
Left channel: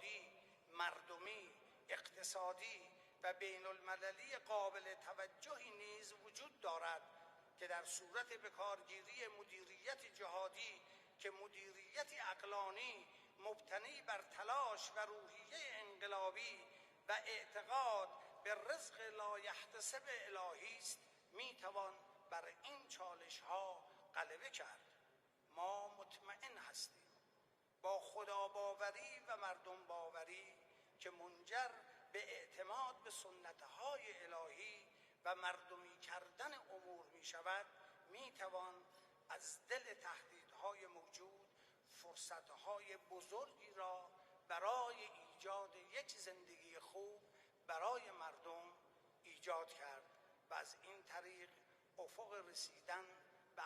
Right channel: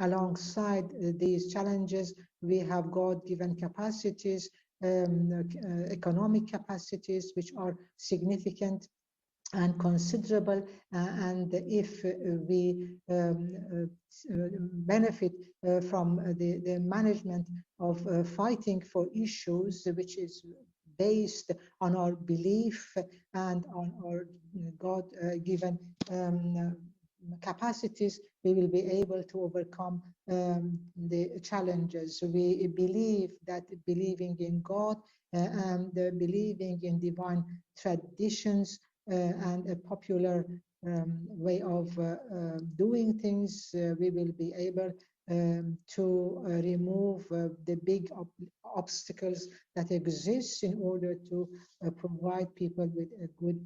alongside these challenges, we have God-given capacities, economic capacities, which are significant and considerable, and if we benefit from the management of fighting for issues which is based on our belief and on our God-given capacities, we will be able to overcome the challenges. We believe that believing in God and believing in divine traditions and a popular way of doing things, we will be able to remove the big obstacles that exist in order to provide people with a good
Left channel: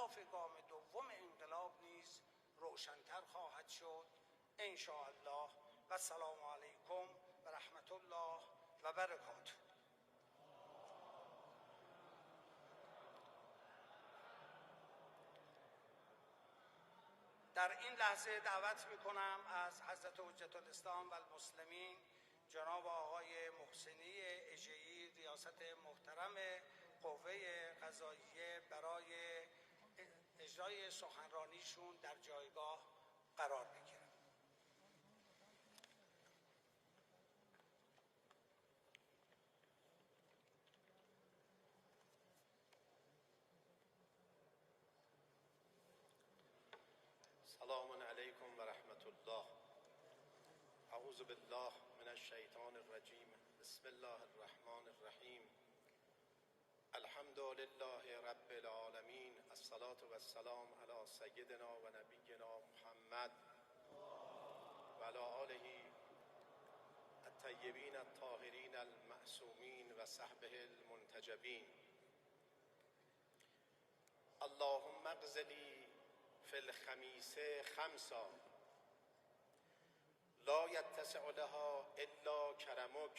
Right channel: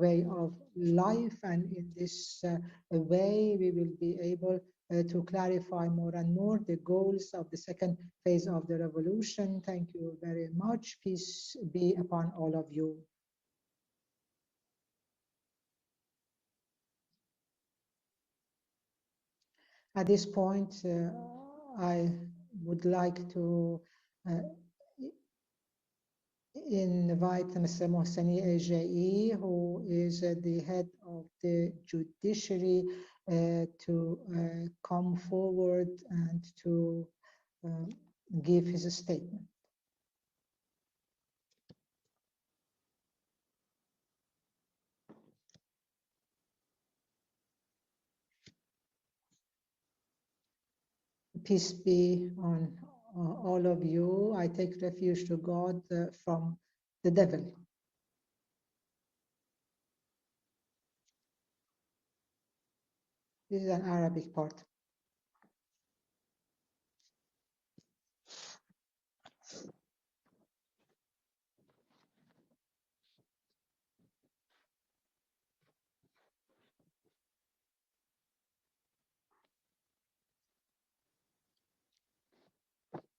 way of life. And in this way, we will be able to clarify more and more the goals of the second phase of the revolution. Thank you very much. Peace be upon all of you. At this point, I would like to invite Mr. Mohseni Ejei, who is the head of the judiciary, to come forward and to give his statement. Peace be on all of you. I take refuge to God from the devil. This is an Arabic part. لا يتسع لها إلا كرمك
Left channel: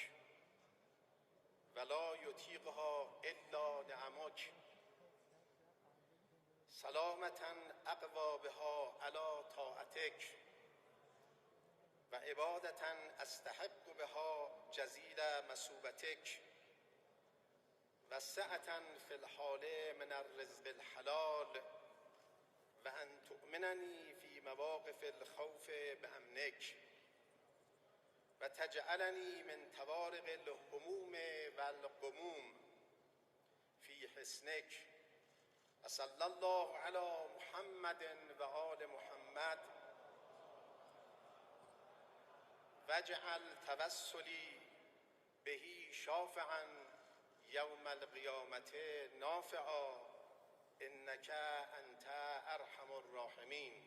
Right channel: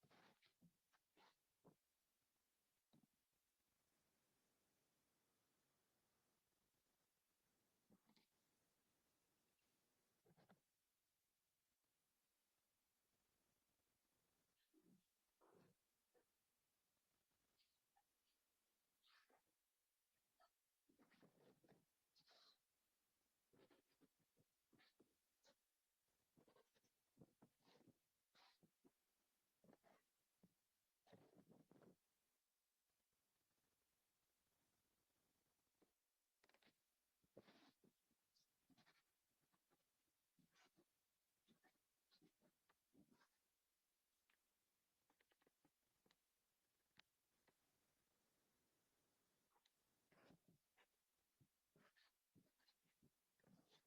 ولا يطيقها إلا نعمك سلامة أقوى بها على طاعتك وعبادة أستحق بها جزيل مثوبتك وسعة في الحال من الرزق الحلال وأن تؤمنني في مواقف الخوف بأمنك وتجعلني من توارق الهموم والغموم في حسنك صلی الله علی محمد و آل محمد واجعل توسلی بهی شافعا یوم القیامت نافعا انک انت ارحم الراحمین.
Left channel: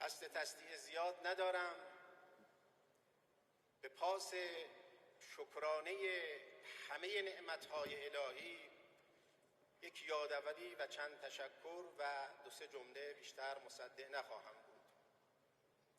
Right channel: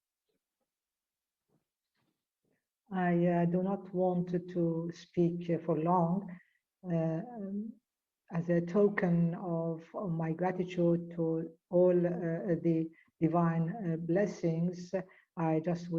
قصد تصدیع زیاد ندارم. I do not want to speak for long. As a token of my gratitude to all the divine blessings, I just would